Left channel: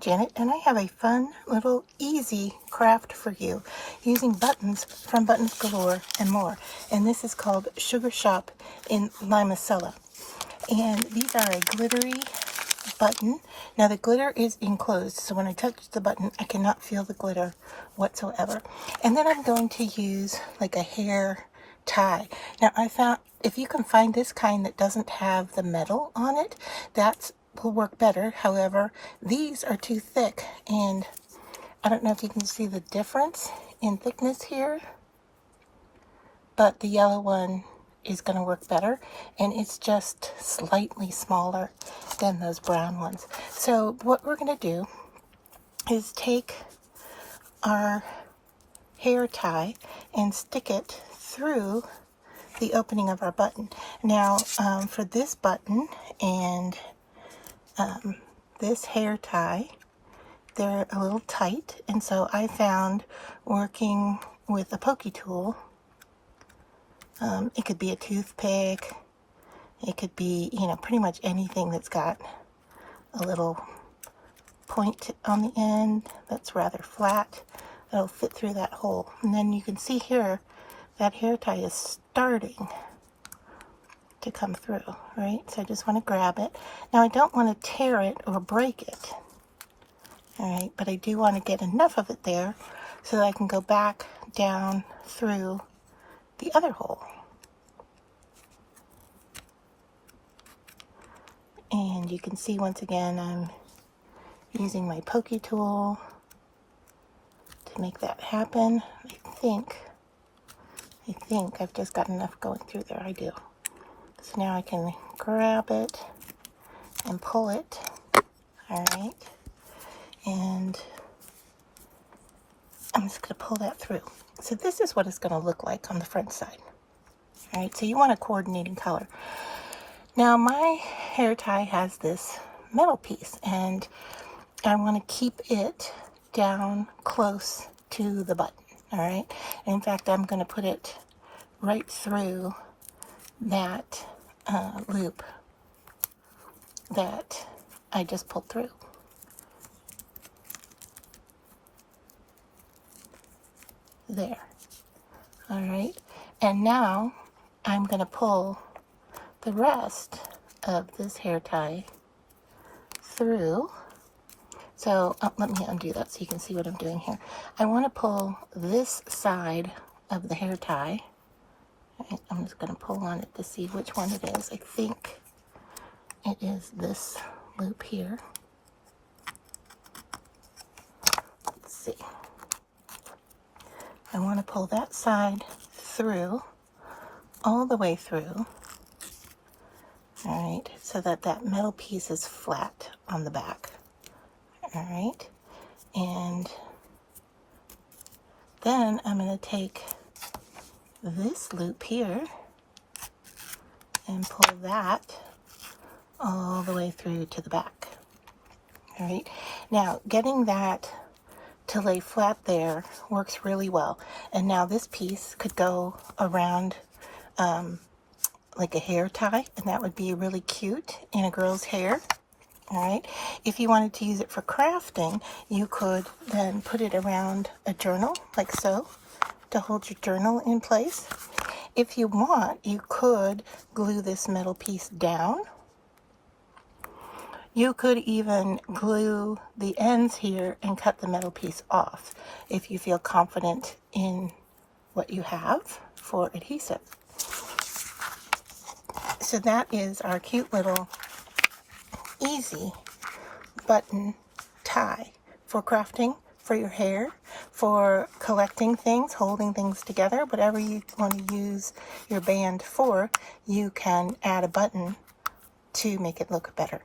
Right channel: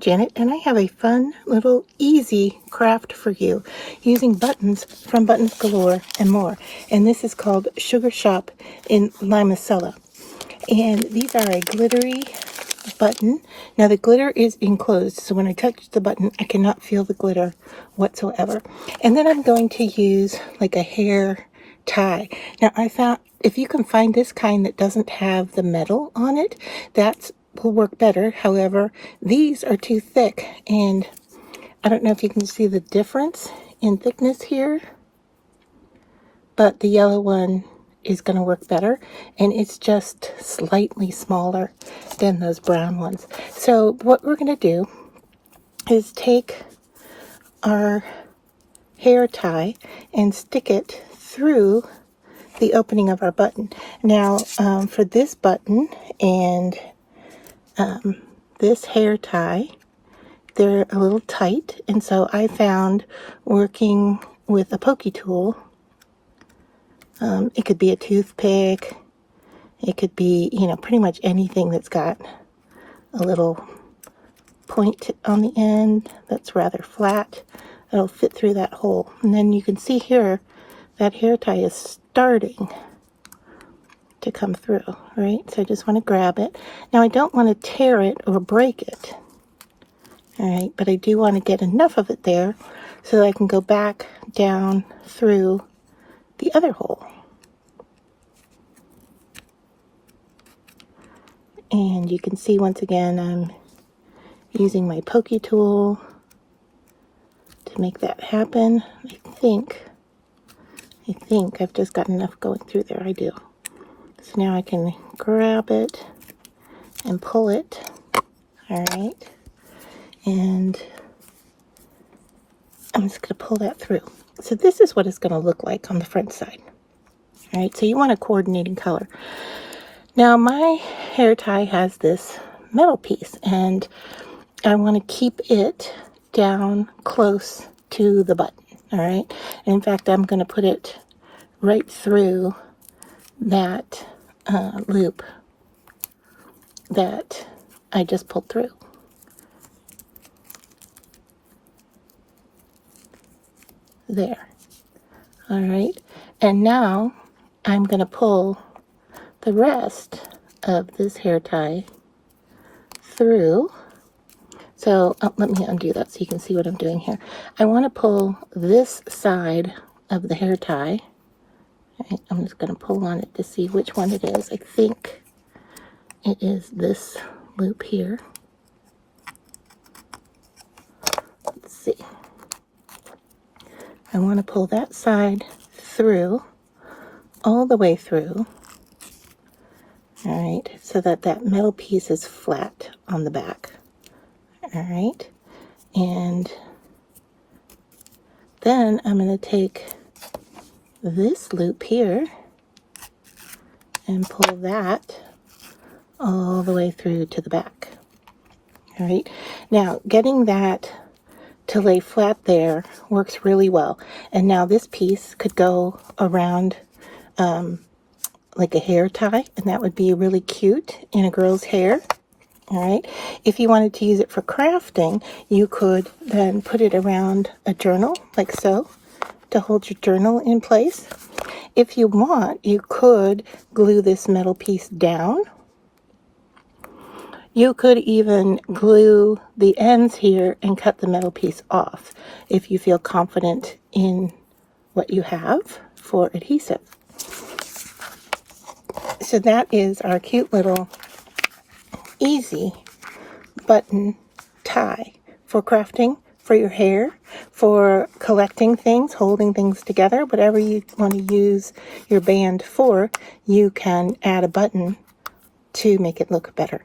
I'm Janet, and I have a fun little easy craft for you using buttons from Buttons Galore and More. And this is called Sugar Shop in Limoncello. And these are a glittery button. Now the glitter is enclosed, so when I touch the button, I cannot feel the glitter whatsoever. And then I'm going to use like a hair tie. Now I found if you can find this kind that doesn't have the metal on it, that will work better. However, these are too thick, and I don't know if you can see the difference in thickness here, but the yellow one is going to work better, and it's just slightly smaller than those brown ones. So what we're going to do is take our hair tie and stick it through the opening of our button. Now for this button and this hair tie, they're a little tight, and so I found working with a pokey tool, it could be a toothpick, it could be, you know, pretty much anything that's got a little point on the end that's rather flat, that'll fit through that hole. And then you can see here that hair tie is starting to come through, right? So I just want to grab it. Now I don't want to tear it or break it, all right, but I do want to get enough of it there so that I can go back down through the other hole. And you can see once again I'm using my pokey tool to make that happen. I think I've just got enough going through there. I do. So now I can grab it and pull it, all right, and I'm just going to pull that through. So this is what it's going to look like on the front side, all right. So you want a coordinating color. Now my hair tie has this metal piece, and I want to keep it down close to the button, all right. In fact, I'm going to put it right through that loop that I just pulled through. There. All right. And now I'm going to pull the rest of this hair tie through. So let me undo that so you can see what I'm doing here. I want to pull this side of the hair tie. Right, I'm just going to pull on it to see which one it is. I think it is this loop here. Let's see. I want to pull that side through, all the way through, all right, so that that metal piece is flat on the back, all right. And then I'm going to take this loop here and pull that all the way through to the back, all right. Now getting that to lay flat there works really well. And now this piece could go around like a hair tie, and that would be really cute in a girl's hair, all right. If you wanted to use it for crafting, you could then put it around a journal like so to hold your journal in place. If you want, you could glue this metal piece down. You could even glue the ends here and cut the metal piece off if you feel confident in what you have for adhesive. So that is our cute little easy button tie for crafting, for your hair, for collecting things, holding things together, whatever you want to use your band for, you can add a button to make it look better.